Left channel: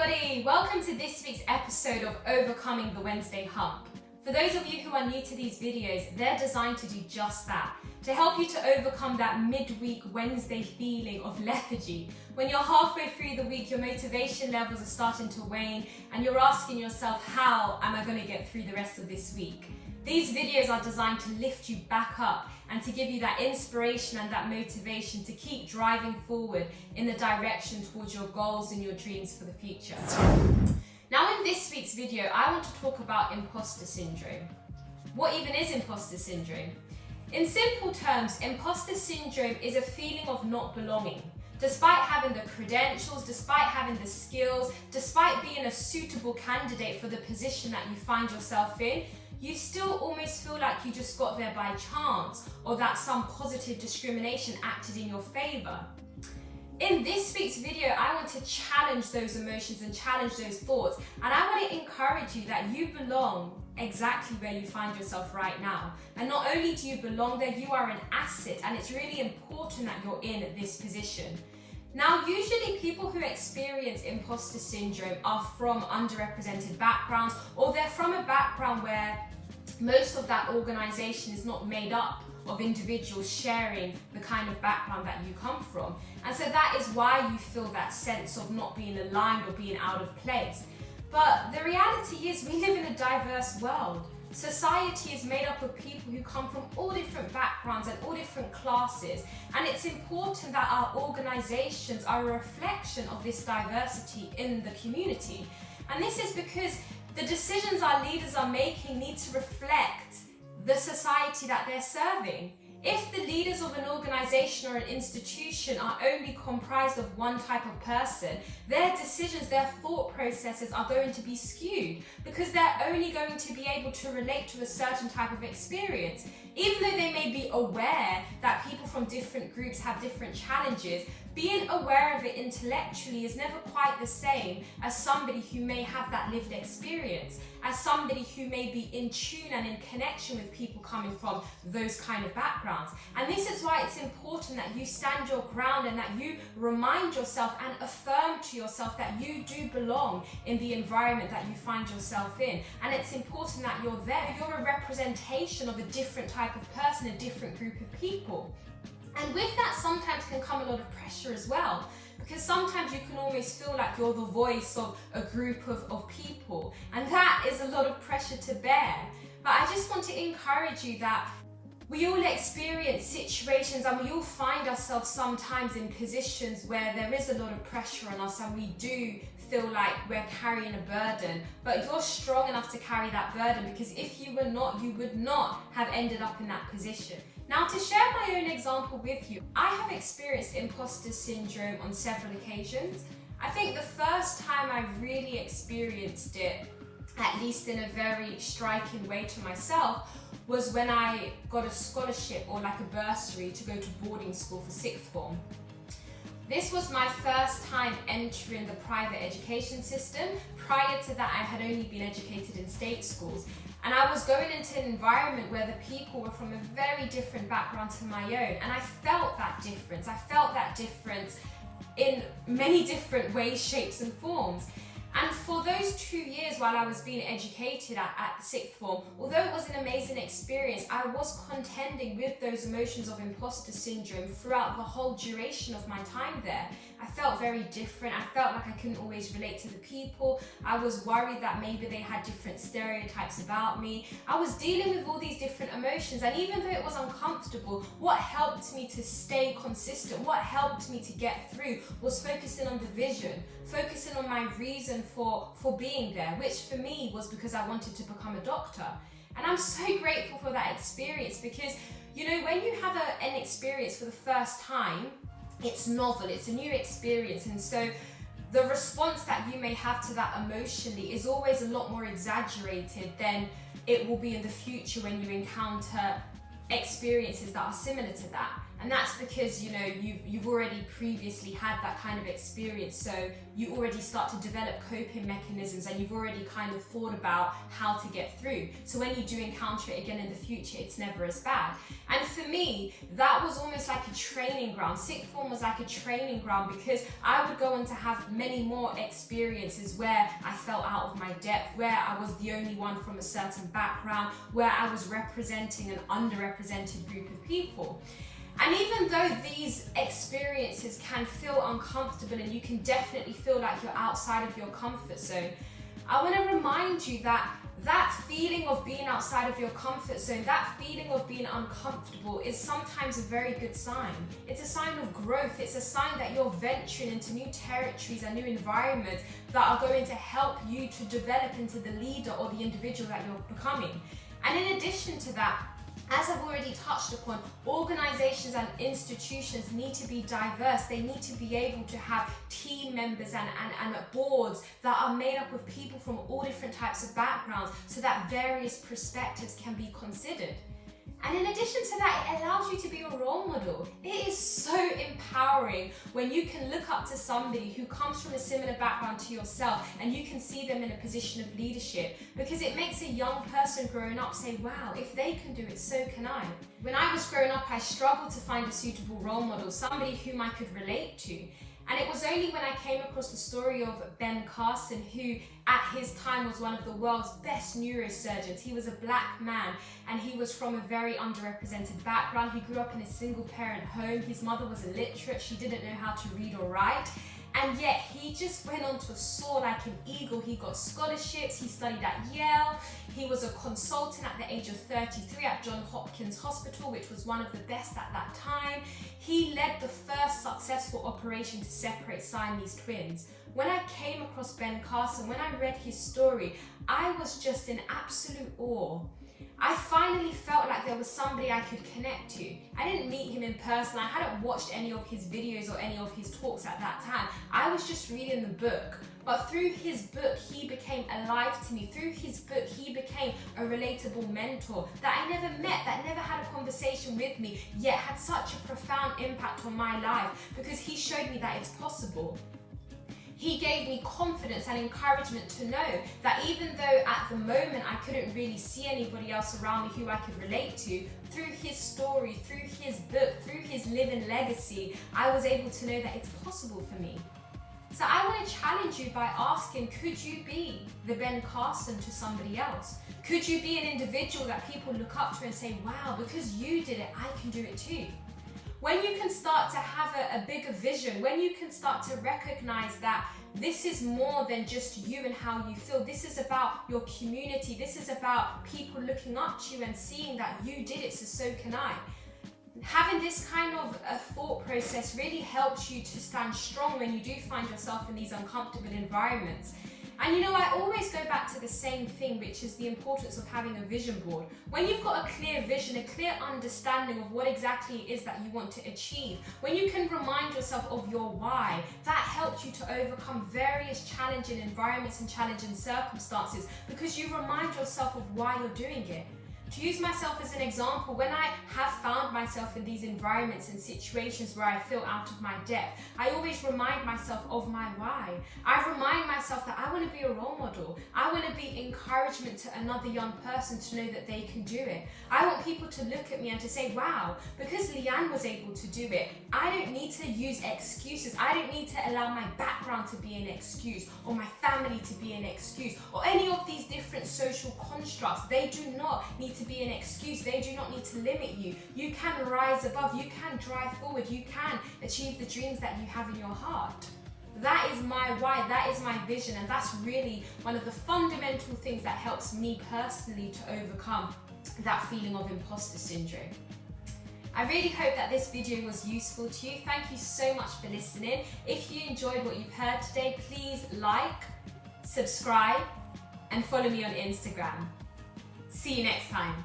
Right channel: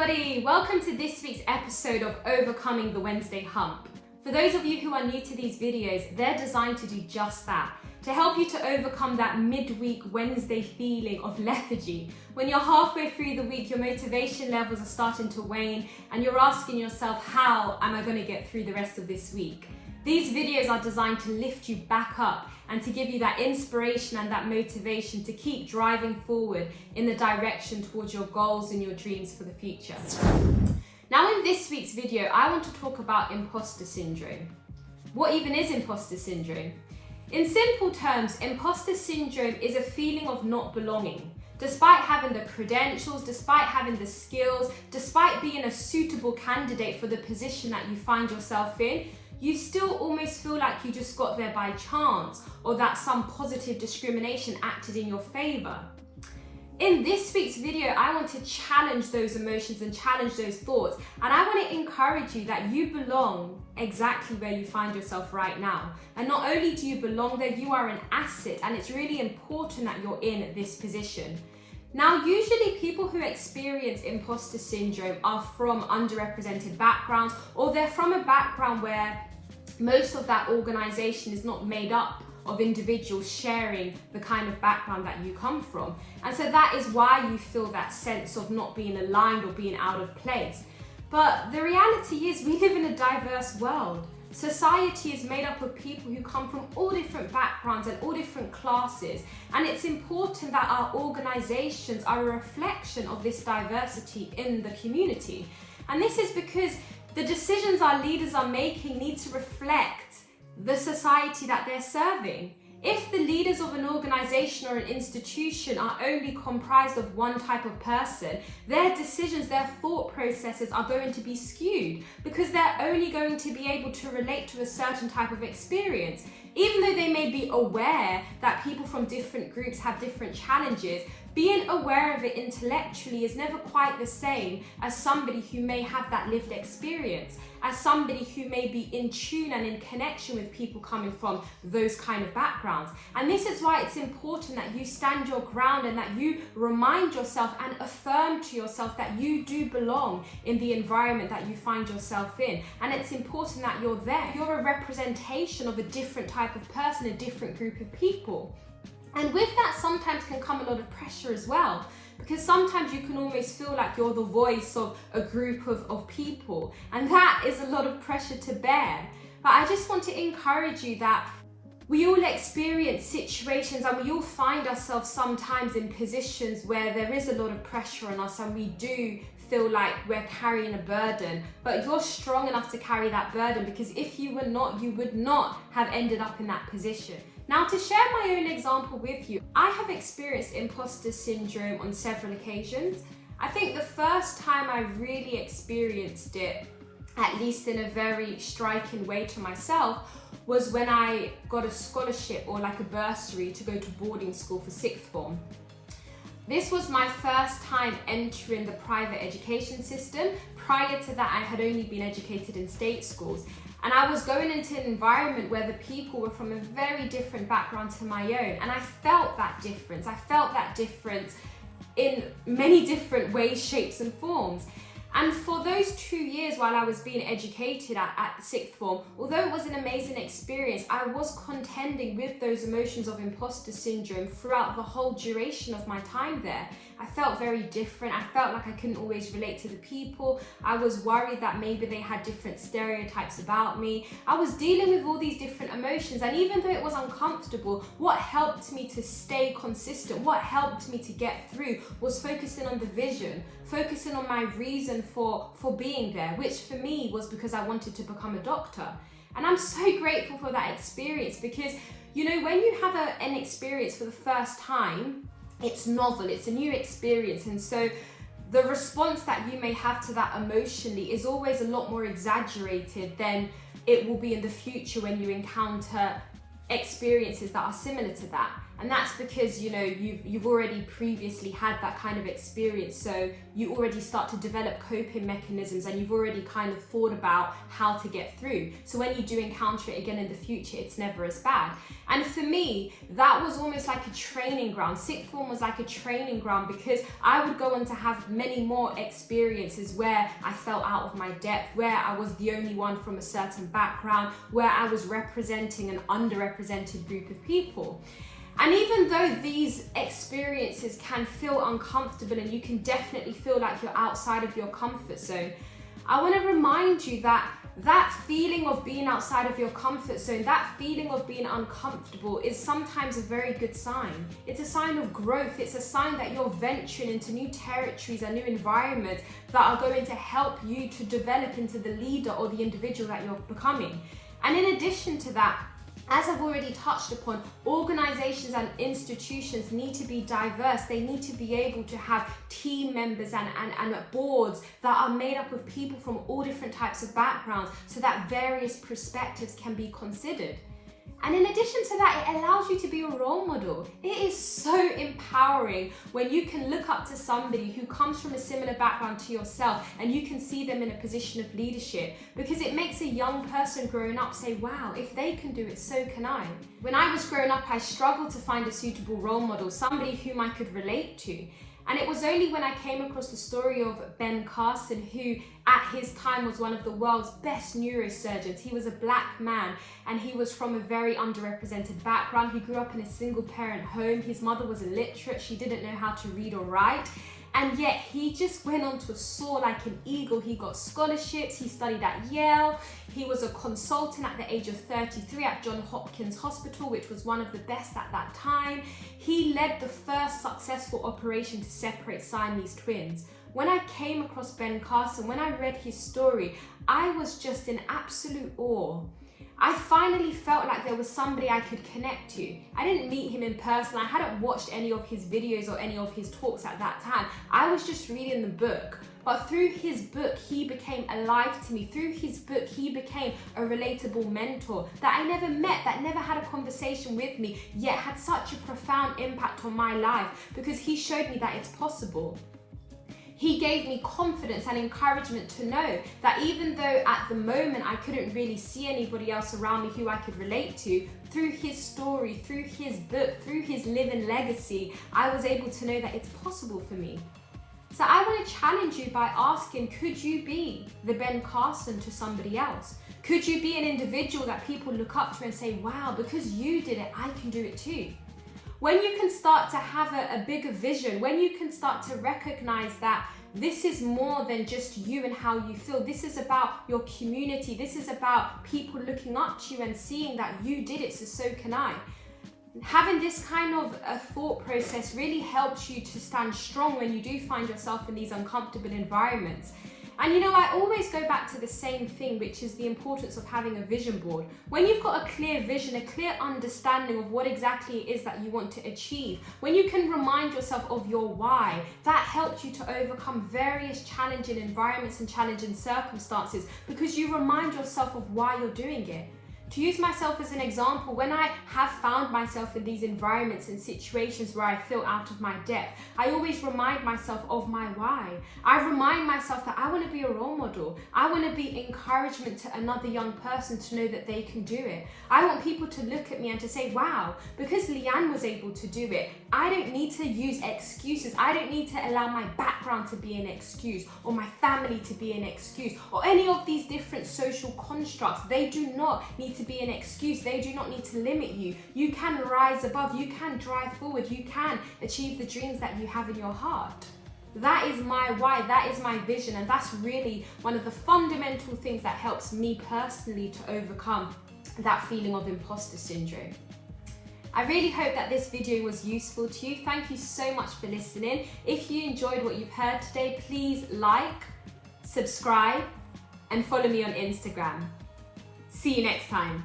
everybody, welcome to this week's episode of Overcoming the Wednesday Hump. For those of you who are new to these videos, they're designed to do just that, to help you to overcome that midweek Wednesday feeling of lethargy. When you're halfway through the week, your motivation levels are starting to wane and you're asking yourself, how am I going to get through the rest of this week? These videos are designed to lift you back up and to give you that inspiration and that motivation to keep driving forward in the direction towards your goals and your dreams for the future. Now in this week's video, I want to talk about imposter syndrome. What even is imposter syndrome? In simple terms, imposter syndrome is a feeling of not belonging. Despite having the credentials, despite having the skills, despite being a suitable candidate for the position that you find yourself in, you still almost feel like you just got there by chance or that some positive discrimination acted in your favor. In this week's video, I want to challenge those emotions and challenge those thoughts. And I want to encourage you that you belong exactly where you find yourself right now. And not only do you belong there, you are an asset, and it's really important that you're in this position. Now, usually people who experience imposter syndrome are from underrepresented backgrounds, or they're from a background where most of that organization is not made up of individuals sharing the kind of background that you come from. And so that is why you feel that sense of not being aligned or being out of place. But the reality is we live in a diverse world. Society is made up of people who come from all different backgrounds and all different classes. And it's important that our organizations are a reflection of this diversity in the community. And this is because the decisions our leaders are making need to reflect the society that they're serving. If the leaders of an organization or an institution are only comprised of one type of person, their decisions, their thought processes are going to be skewed because they're only going to be able to relate to a certain type of experience. Even though they may be aware that people from different groups have different challenges, being aware of it intellectually is never quite the same as somebody who may have that lived experience, as somebody who may be in tune and in connection with people coming from those kind of backgrounds. And this is why it's important that you stand your ground and that you remind yourself and affirm to yourself that you do belong in the environment that you find yourself in. And it's important that you're there. You're a representation of a different type of person, a different group of people. And with that sometimes can come a lot of pressure as well, because sometimes you can almost feel like you're the voice of a group of people, and that is a lot of pressure to bear. But I just want to encourage you that we all experience situations and we all find ourselves sometimes in positions where there is a lot of pressure on us and we do feel like we're carrying a burden, but you're strong enough to carry that burden, because if you were not, you would not have ended up in that position. Now, to share my own example with you, I have experienced imposter syndrome on several occasions. I think the first time I really experienced it, at least in a very striking way to myself, was when I got a scholarship or like a bursary to go to boarding school for sixth form. This was my first time entering the private education system. Prior to that, I had only been educated in state schools. And I was going into an environment where the people were from a very different background to my own. And I felt that difference. I felt that difference in many different ways, shapes and forms. And for those 2 years while I was being educated at sixth form, although it was an amazing experience, I was contending with those emotions of imposter syndrome throughout the whole duration of my time there. I felt very different. I felt like I couldn't always relate to the people. I was worried that maybe they had different stereotypes about me. I was dealing with all these different emotions, and even though it was uncomfortable, what helped me to stay consistent, what helped me to get through, was focusing on the vision, focusing on my reason for being there, which for me was because I wanted to become a doctor. And I'm so grateful for that experience, because you know, when you have an experience for the first time, it's novel, it's a new experience, and so the response that you may have to that emotionally is always a lot more exaggerated than it will be in the future when you encounter experiences that are similar to that. And that's because, you know, you've already previously had that kind of experience, so you already start to develop coping mechanisms and you've already kind of thought about how to get through. So when you do encounter it again in the future, it's never as bad. And for me, that was almost like a training ground. Sixth form was like a training ground because I would go on to have many more experiences where I fell out of my depth, where I was the only one from a certain background, where I was representing an underrepresented group of people. And even though these experiences can feel uncomfortable and you can definitely feel like you're outside of your comfort zone, I want to remind you that that feeling of being outside of your comfort zone, that feeling of being uncomfortable is sometimes a very good sign. It's a sign of growth. It's a sign that you're venturing into new territories and new environments that are going to help you to develop into the leader or the individual that you're becoming. And in addition to that, as I've already touched upon, organizations and institutions need to be diverse. They need to be able to have team members and boards that are made up of people from all different types of backgrounds so that various perspectives can be considered. And in addition to that, it allows you to be a role model. It is so empowering when you can look up to somebody who comes from a similar background to yourself and you can see them in a position of leadership, because it makes a young person growing up say, wow, if they can do it, so can I. When I was growing up, I struggled to find a suitable role model, somebody whom I could relate to. And it was only when I came across the story of Ben Carson, who at his time was one of the world's best neurosurgeons. He was a black man and he was from a very underrepresented background. He grew up in a single parent home. His mother was illiterate. She didn't know how to read or write. And yet he just went on to soar like an eagle. He got scholarships, he studied at Yale, he was a consultant at the age of 33 at Johns Hopkins Hospital, which was one of the best at that time. He led the first successful operation to separate Siamese twins. When I came across Ben Carson, when I read his story, I was just in absolute awe. I finally felt like there was somebody I could connect to. I didn't meet him in person. I hadn't watched any of his videos or any of his talks at that time. I was just reading the book. But through his book, he became alive to me. Through his book, he became a relatable mentor that I never met, that never had a conversation with me, yet had such a profound impact on my life because he showed me that it's possible. He gave me confidence and encouragement to know that even though at the moment I couldn't really see anybody else around me who I could relate to, through his story, through his book, through his living legacy, I was able to know that it's possible for me. So I want to challenge you by asking, could you be the Ben Carson to somebody else? Could you be an individual that people look up to and say, wow, because you did it, I can do it too? When you can start to have a bigger vision, when you can start to recognize that this is more than just you and how you feel, this is about your community, this is about people looking up to you and seeing that you did it, so can I. Having this kind of a thought process really helps you to stand strong when you do find yourself in these uncomfortable environments. And you know, I always go back to the same thing, which is the importance of having a vision board. When you've got a clear vision, a clear understanding of what exactly it is that you want to achieve, when you can remind yourself of your why, that helps you to overcome various challenging environments and challenging circumstances because you remind yourself of why you're doing it. To use myself as an example, when I have found myself in these environments and situations where I feel out of my depth, I always remind myself of my why. I remind myself that I want to be a role model. I want to be encouragement to another young person to know that they can do it. I want people to look at me and to say, wow, because Leanne was able to do it, I don't need to use excuses. I don't need to allow my background to be an excuse or my family to be an excuse or any of these different social constructs. They do not need to be an excuse. They do not need to limit you. You can rise above. You can drive forward. You can achieve the dreams that you have in your heart. That is my why. That is my vision. And that's really one of the fundamental things that helps me personally to overcome that feeling of imposter syndrome. I really hope that this video was useful to you. Thank you so much for listening. If you enjoyed what you've heard today, please like, subscribe, and follow me on Instagram. See you next time.